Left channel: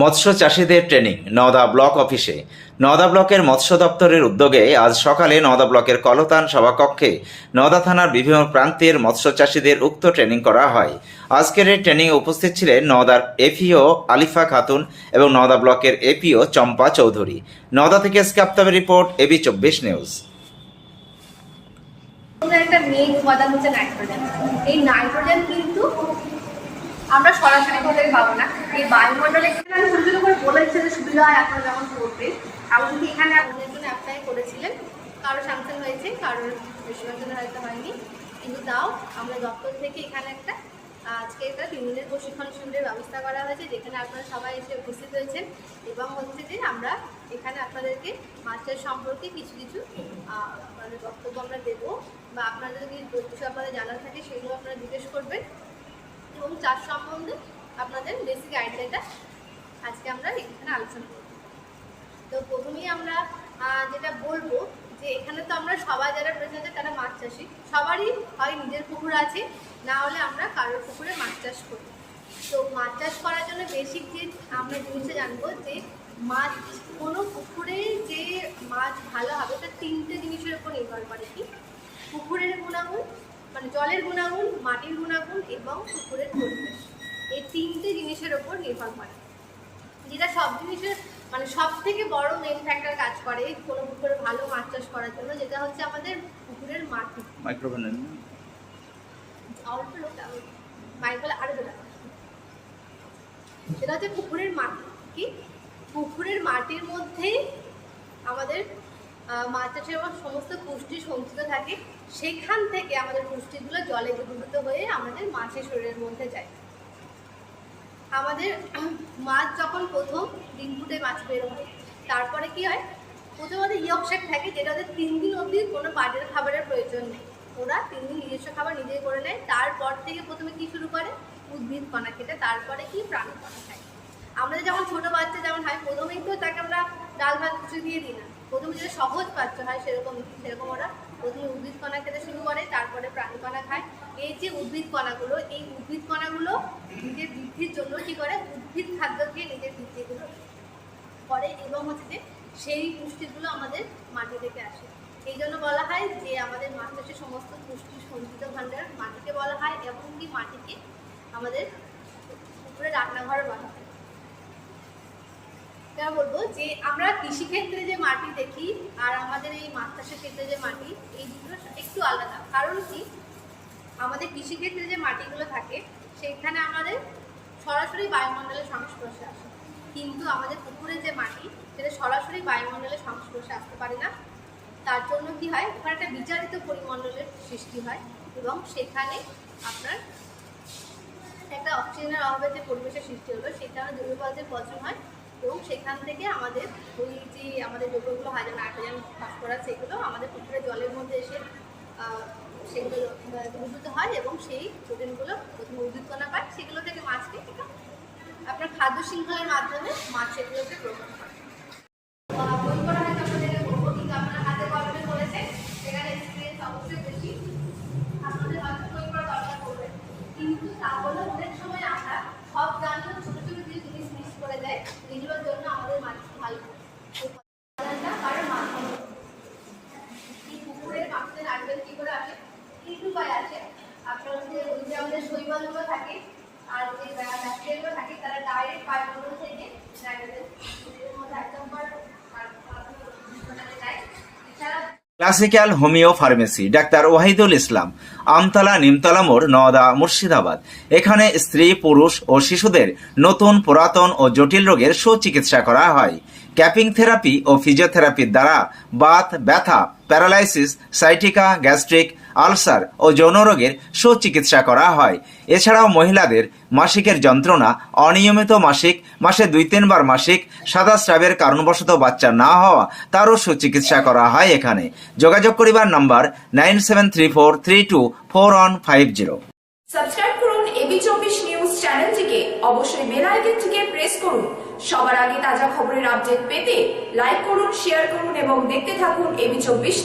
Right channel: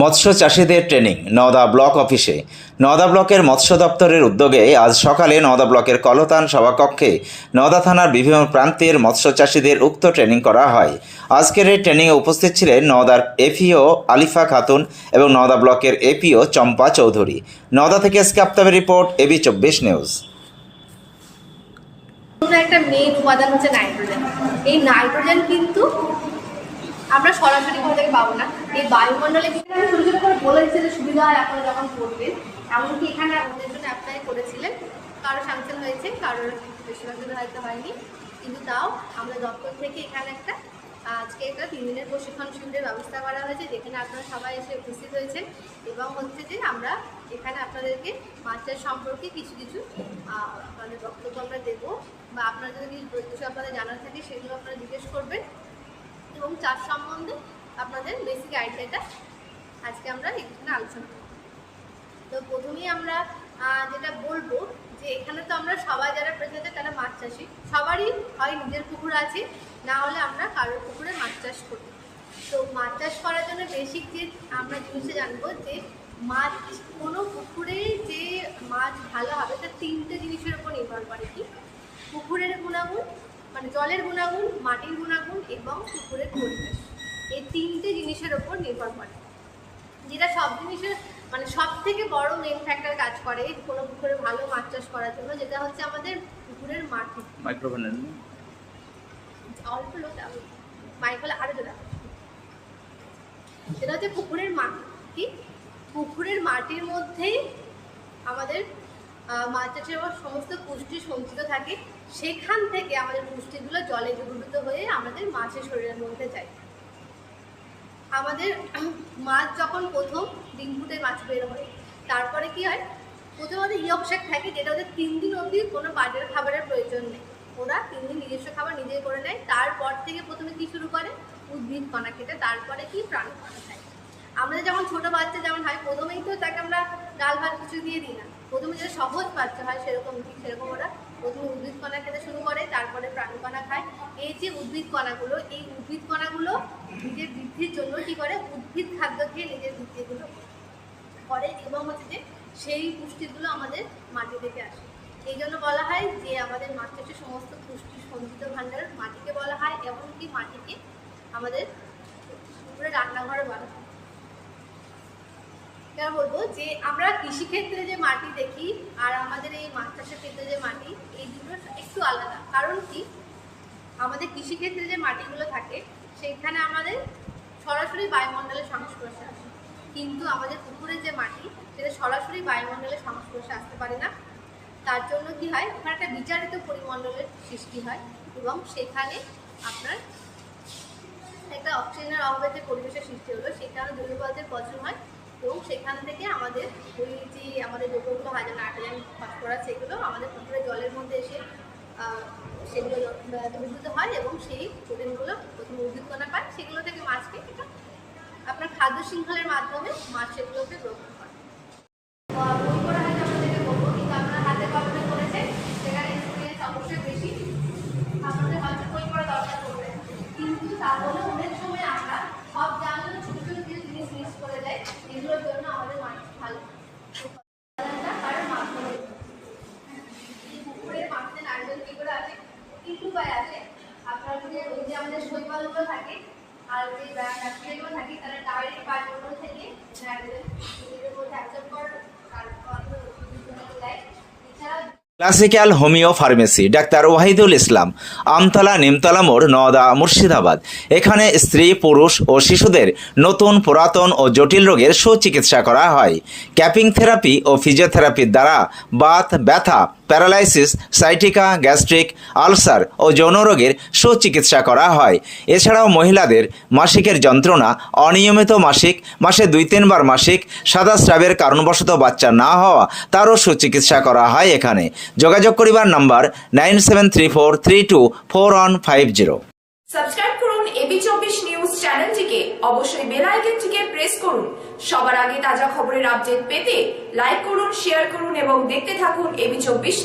মৎস্য চাষীদের training Nowda block অফিসে। নওদা ব্লকের মৎস্য দপ্তরের উদ্যোগে আজ সকালে নওদা ব্লকের কলতান সভাকক্ষে নওদা থানার বিভিন্ন প্রান্তের মৎস্য চাষীদের উক্ত ট্রেনিং করা হয়। আজকের এই ট্রেনিংয়ে উপস্থিত ছিলেন নওদার এপিও আলিফা খাতুন এবং নওদা ব্লকের এপিও চম্পা চৌধুরী। নওদা থেকে স্কাপ্তাবের রিপোর্ট, এবি24 নিউজ। একটা মেইন উপাদান হচ্ছে নাইট্রোজেন। এই নাইট্রোজেন কিন্তু আমরা সরাসরি কোথা থেকে পাবো না, এই বায়ুমণ্ডলে আমি ছোটো ছোটো করে বলেছি যে সুবিধা হয় আপনারা যখন করবেন। এমনকি এখানে আপনাদের জন্য অ্যাপ্লাই করেছিলেন, কারো স্যাংশন হয়েছে, কারোর বেশিরভাগের হয়তো হয়নি, কিন্তু তাও আমরা দপ্তর থেকে এখানে আজকে একটা 3 দিনের প্রশিক্ষণ শিবিরের ব্যবস্থা করা হয়েছে, যেখানে আপনারা সবাই এসে উপস্থিত হয়েছেন। এবং হচ্ছে যে আমরা এখানে আপনাদেরকে মাছের সম্পর্কে কিছু কিছু মানে বক্তব্য আমরা দেবো, বা আপনাদের যদি কিছু আপনাদের জানার থাকে সেগুলো আপনারা জিজ্ঞেস করবেন, এবং চাষ সম্বন্ধে আপনাদের বেসিক আইডিয়াটা আজকে আমরা এখানে আলোচনা করব। তো প্রথমেই আমরা যেটা বলবো যে এখানে তো আমরা সবাই যারা প্রেজেন্ট তারা মাছ চাষি, সবারই হয় নিজের পুকুর আছে, না হলে আমরা কারোর পুকুরে মাছ চাষ করি। তো মাছ চাষ করার জন্য বেসিক যে আমরা জিনিসটা জানবো যে মাছ কোনো পুকুরে যে মাছ ভালো হবে তার 3টে জিনিসের উপর নির্ভর করে। কি? পুকুরের গুণাগুণ, মানে জলের গুণাগুণ, মাটির গুণাগুণ এবং পুকুরের পরিবেশ। এই 3টে জিনিসের ওপর নির্ভর করে, যেটা সব জিনিসের মানে সব থেকে বড় মেন ফ্যাক্টর কাজ করে কোনো পুকুরে ভালো মাছ চাষ করার জন্য, যেটা হচ্ছে আমাদের পুকুরের মাটি। মাইক্রোফোন অল্প লোক মাইক্রোফোন আরো যেটা সেটা হচ্ছে পুকুরের মাটি। কি? পুকুরের মাটির মধ্যেই আমাদের মাছ চাষের সমস্ত পুষ্টি সঞ্চিত থাকে, সেখান থেকে আমাদের পুষ্টিগুলো জলে দ্রবীভূত হয়ে আমাদের মাছের শরীরের মধ্যে যায়। আমাদের মাছ যখন প্রথম ডিম ফুটে মাছ বের হয়, তারপরে কি হয়, প্রথমে ওদের ইয়ক শাক থাকে, যেটা ওদের 3 দিন অবধি কোনো বাইরের খাবারের প্রয়োজন নেই, ওরা 3 দিন নিজস্ব খাবার নিজেই করে নেয়। তারপর থেকে প্রথমে কি শুরু করে, উদ্ভিদ কণা খেতে, তারপরে কি প্রাণী কণা খায়। আমাদের যেমন ছোটো বাচ্চা যেমন হয়, প্রথমেই তো তাকে আমরা ডাল ভাত কিছু দিয়ে দিই না, প্রথমে যেটা সহজ বাচ্চা হয় সেরকম ওরা প্রথমে উদ্ভিদ কণা খেতে শুরু করে, তারপরে প্রাণী কণা খায়। এই যে উদ্ভিদ কণাগুলো, এই উদ্ভিদ কণাগুলো নিজের বৃদ্ধির জন্য কি করে, উদ্ভিদ খাদ্য খেয়ে নিজের বৃদ্ধিগুলো করে, এবং হচ্ছে যে সেই পুষ্টিগুলো আমাদের মাটি থেকে আসে। এই জন্য বলা হয় যে আমাদের মাছ চাষের সমস্ত পুষ্টির সঞ্চিত ভাণ্ডার মাটিকে বলা হয়, এমনকি মাটিকে আমাদের পুকুরে রান্নাঘর বলা হয়। এটা বলবো যে আমরা কৃষিক্ষেত্রে যে মাটি দেখি আর আমাদের এই মাছ চাষের ক্ষেত্রে যে মাটি, এই দুটো একটু আলাদা। কারণ কি, আমাদের কৃষিক্ষেত্রে যে মাটিগুলো থাকে সেখানে আমাদের সরাসরি বায়ুমণ্ডলের সংস্পর্শে আসে, কিন্তু আমাদের পুকুরের যে মাটি সেটা সরাসরি বায়ুমণ্ডলের সংস্পর্শে আসতে পারে না। তার জন্য কি হয়, ওখানে একটা বিচারিত পরিমণ্ডলের সৃষ্টি হয়, এবং সেখানে আপনার একটা অক্সিজেনের অভাবে যে পরিবেশের সৃষ্টি হলো, সেখানে জৈবপদার্থের পচন হয়, এবং সেখান থেকে আমাদের ওই যে আমাদের যৌগগুলো হয়, যেমন নাইট্রোজেন, ফসফরাস, সেগুলো আমাদের পুকুরের জলের মধ্যে এসে সেগুলো দ্রবীভূত হয়, এবং সেই প্রোটিনগুলো প্রথমে উদ্ভিদ কণা পায়, সেগুলো থেকে মাছকে একটা আপনার খাদ্য শৃঙ্খলের মাধ্যমে মাছ সেগুলোকে গ্রহণ করে। বই পড়া হয়তো আপনাদেরকে বলবো, কিন্তু আপনার হাতে কলমে করেছে, সেখানে এক্সপিরিয়েন্স অবশ্যই বেশি, আপনাদের হয়তো বই পড়া দরকার পড়বে, কিন্তু তাহলে অনেক সময় আমরা সব জানলেও ছোটো ছোটো কিছু জিনিস মিস করে দেয়, যেগুলোর জন্য আমাদের মাছ ভালো কারণ মাছ ভালো। এই পুকুরের মাছের নারকেল কী করে আসে, কিছু উপায় আছে। আপনার ওই যে আমাদের শৈবালগুলো থাকে আর যে ব্যাকটেরিয়াগুলো থাকে, তারা ডাইরেক্ট বায়ুমণ্ডল থেকে নাইট্রোজেন নিজেদের মধ্যে অ্যাবজর্ব করে দেয়। এছাড়া ক্লাসিক্যাল হোমিও ফার্মেসি, ডাক্তার ওয়াহিদুল ইসলাম, আমতলা নিমতলা মোড়, নওদা, মুর্শিদাবাদ। এখানে স্ত্রী, পুরুষ ও শিশুদের নতুন, পুরাতন ও জটিল রোগের সুচিকিৎসা করা হয়। ক্যাপিং থেরাপি ও ফিজিওথেরাপির দ্বারা বাত, ব্যথা, প্যারালাইসিস, সাইটিকা, গ্যাস্ট্রিক, আলসার ও যৌন রোগের সুচিকিৎসা করা হয়। এছাড়াও মহিলাদের মাসিকের যন্ত্রণা, অনিয়মিত মাসিক, মাসে 2-3 বার মাসিক, সাদা স্রাবের কারণবশত বাচ্চা না হওয়া, তারও সুচিকিৎসা করা হয় এখানে। যোগাযোগ করিবার নাম্বার 9734324150। সাবস্ক্রাইব করুন এবি24 নিউজ চ্যানেলটিকে, অবশ্যই বেল আইকনটিকে প্রেস করুন। সবার আগে তাজা খবরের আপডেট পেতে লাইক করুন, শেয়ার করুন এবং দেখতে থাকুন এবি24।